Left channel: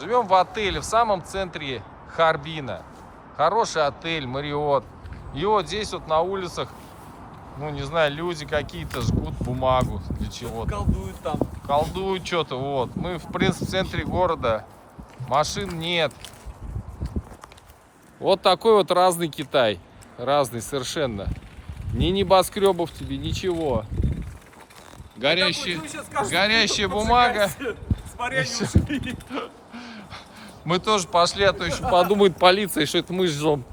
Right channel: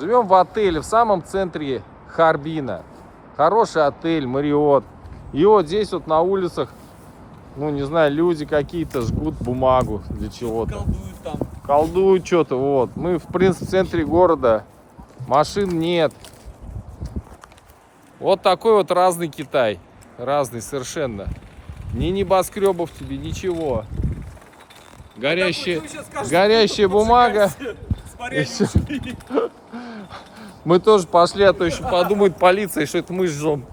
Живем в отеле в самом центре Харбина. Хороший отель, Marriott. И вот здесь вот на улицах, ну не знаю, люди какие-то жгут бумагу для чего-то. Колдуют там. Колдуют что-то, вот. Мы в принципе в центре города. Машин нет. Вот такой вот разный Китай. Разный совершенно. Ни небоскребов тебе, ничего. Горящая бумага. Мы тоже пошли, а то еще подумает полиция, что это мы жжем.